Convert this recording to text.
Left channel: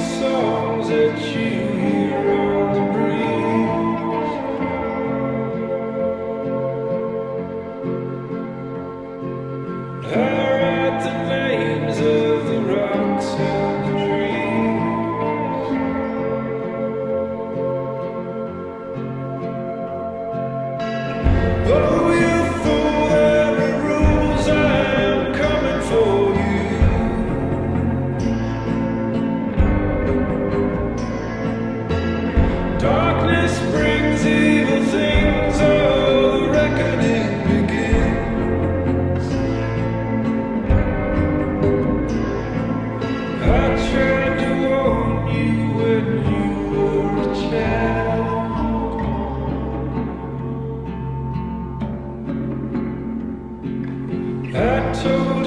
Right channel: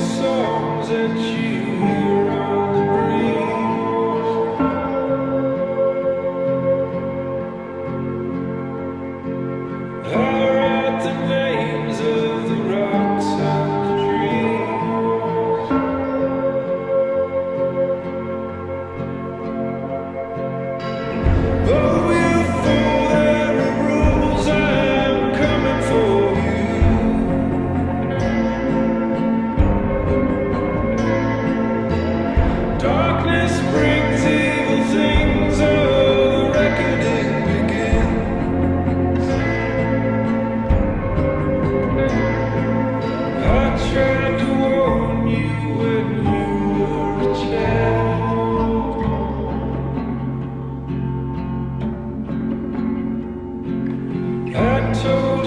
songs that you hear on the breeze I write the names of the rocks and the trees. Oh, you fool, there are rules, I am coming for you. Darkness brings evil things, oh, the reckoning begins. I tried to warn you when you were a child. I told